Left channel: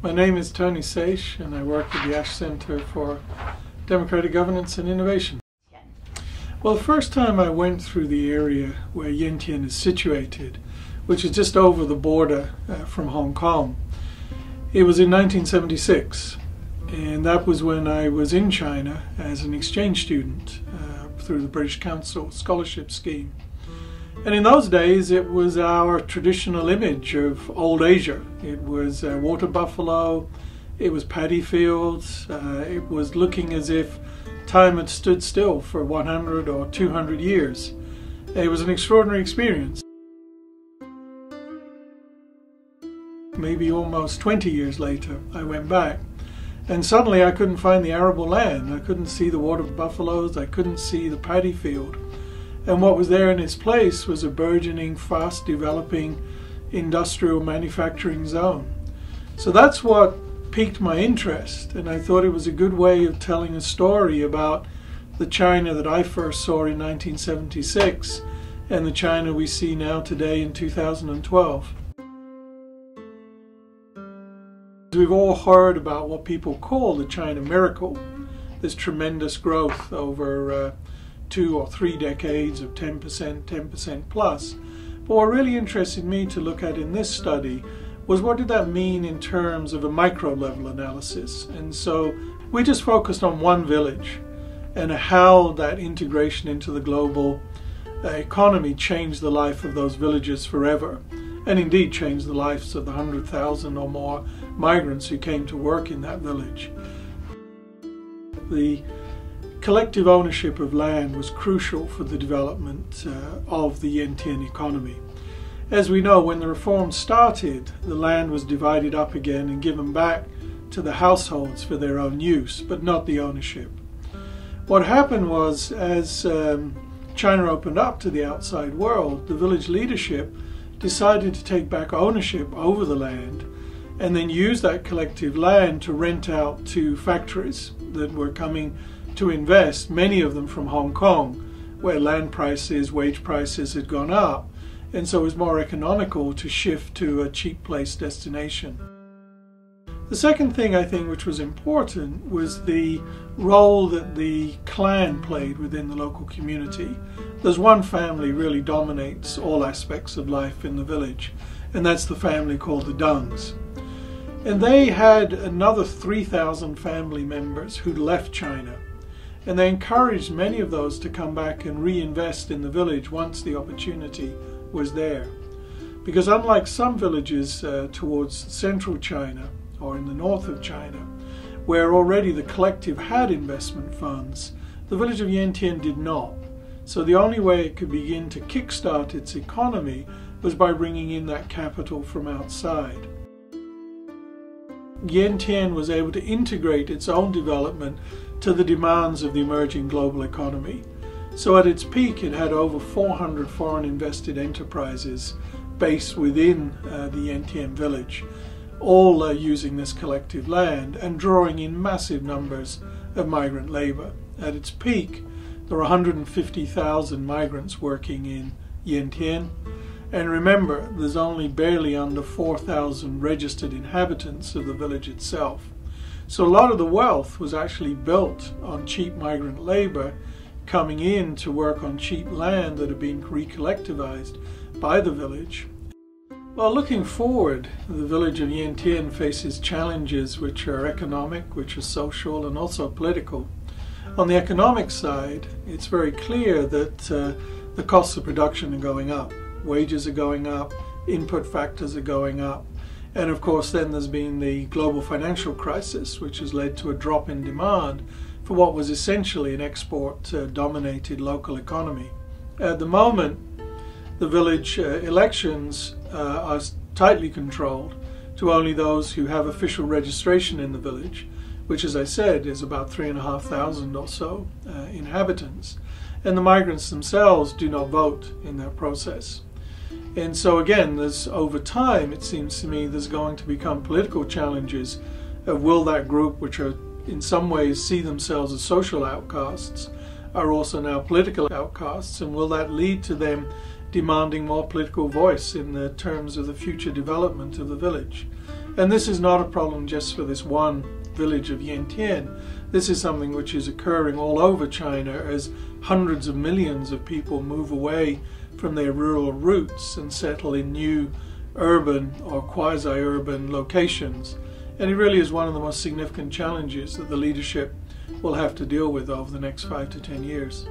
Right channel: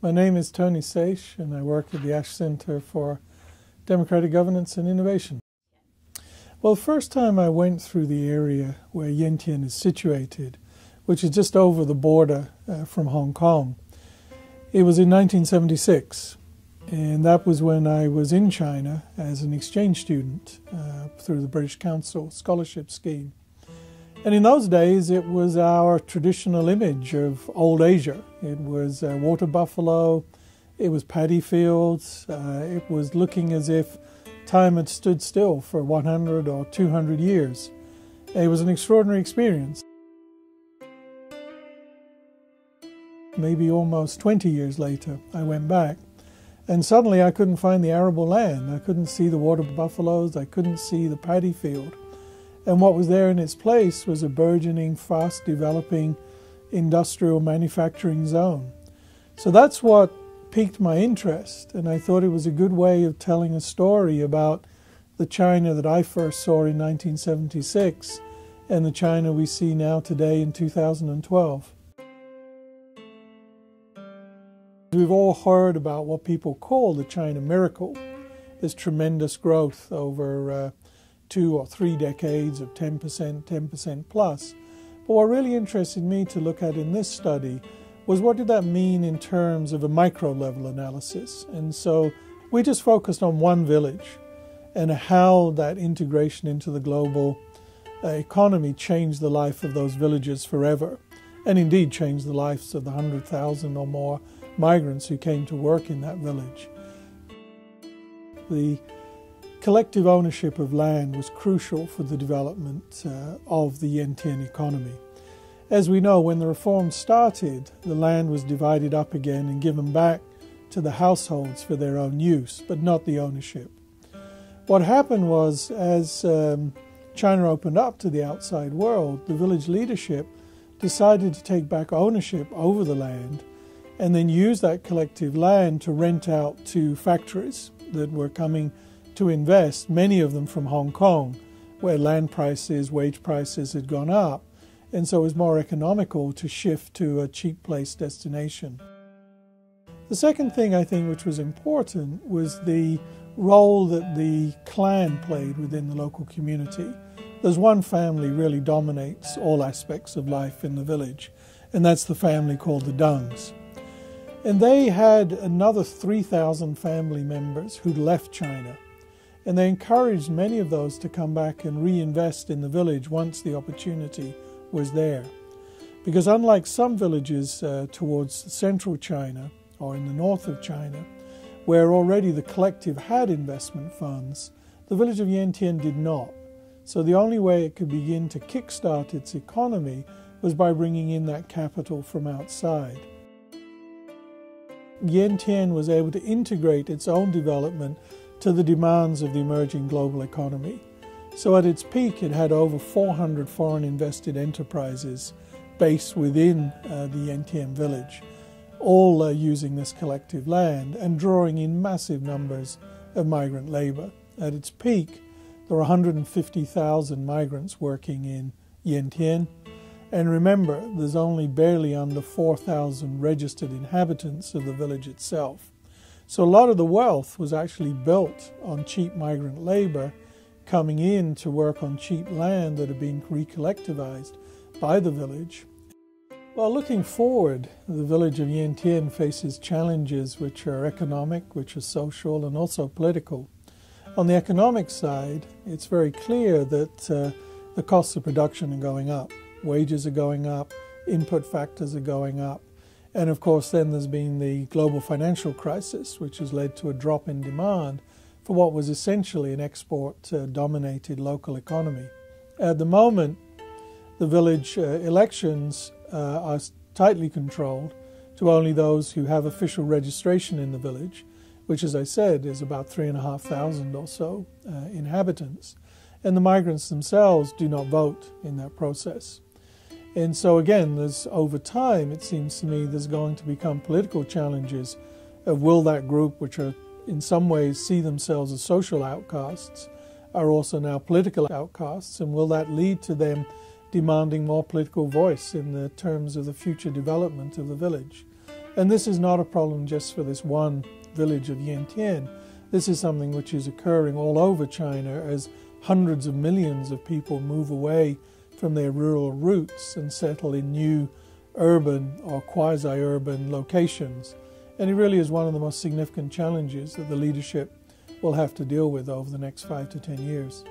My name is Tony Saich, and I work at the Ash Center for Democratic Governance and Innovation. Well, the first time I went through the area where Yantian is situated, which is just over the border from Hong Kong, it was in 1976, and that was when I was in China as an exchange student through the British Council scholarship scheme. And in those days, it was our traditional image of old Asia. It was water buffalo, it was paddy fields, it was looking as if time had stood still for 100 or 200 years. It was an extraordinary experience. Maybe almost 20 years later, I went back, and suddenly I couldn't find the arable land. I couldn't see the water buffaloes, I couldn't see the paddy field. And what was there in its place was a burgeoning, fast developing industrial manufacturing zone. So that's what piqued my interest, and I thought it was a good way of telling a story about the China that I first saw in 1976 and the China we see now today in 2012. We've all heard about what people call the China miracle, this tremendous growth over 2 or 3 decades of 10% plus. But what really interested me to look at in this study was what did that mean in terms of a micro level analysis. And so we just focused on one village and how that integration into the global economy changed the life of those villages forever, and indeed changed the lives of the 100,000 or more migrants who came to work in that village. The collective ownership of land was crucial for the development of the Yantian economy. As we know, when the reform started, the land was divided up again and given back to the households for their own use, but not the ownership. What happened was, as China opened up to the outside world, the village leadership decided to take back ownership over the land and then use that collective land to rent out to factories that were coming to invest, many of them from Hong Kong, where land prices, wage prices had gone up, and so it was more economical to shift to a cheap place destination. The second thing I think which was important was the role that the clan played within the local community. There's one family really dominates all aspects of life in the village, and that's the family called the Dungs. And they had another 3,000 family members who'd left China, and they encouraged many of those to come back and reinvest in the village once the opportunity was there. Because unlike some villages towards central China or in the north of China, where already the collective had investment funds, the village of Yantian did not. So the only way it could begin to kickstart its economy was by bringing in that capital from outside. Yantian was able to integrate its own development to the demands of the emerging global economy. So at its peak, it had over 400 foreign invested enterprises based within the Yantian village, all using this collective land and drawing in massive numbers of migrant labor. At its peak, there were 150,000 migrants working in Yantian. And remember, there's only barely under 4,000 registered inhabitants of the village itself. So a lot of the wealth was actually built on cheap migrant labor coming in to work on cheap land that had been recollectivized by the village. Well, looking forward, the village of Yantian faces challenges which are economic, which are social, and also political. On the economic side, it's very clear that the costs of production are going up. Wages are going up, input factors are going up, and of course then there's been the global financial crisis, which has led to a drop in demand for what was essentially an export-dominated local economy. At the moment, the village elections are tightly controlled to only those who have official registration in the village, which, as I said, is about 3,500 or so inhabitants. And the migrants themselves do not vote in that process. And so again, over time, it seems to me, there's going to become political challenges of will that group, which are in some ways see themselves as social outcasts, are also now political outcasts, and will that lead to them demanding more political voice in the terms of the future development of the village? And this is not a problem just for this one village of Yantian. This is something which is occurring all over China as hundreds of millions of people move away from their rural roots and settle in new urban or quasi-urban locations. And it really is one of the most significant challenges that the leadership will have to deal with over the next 5 to 10 years.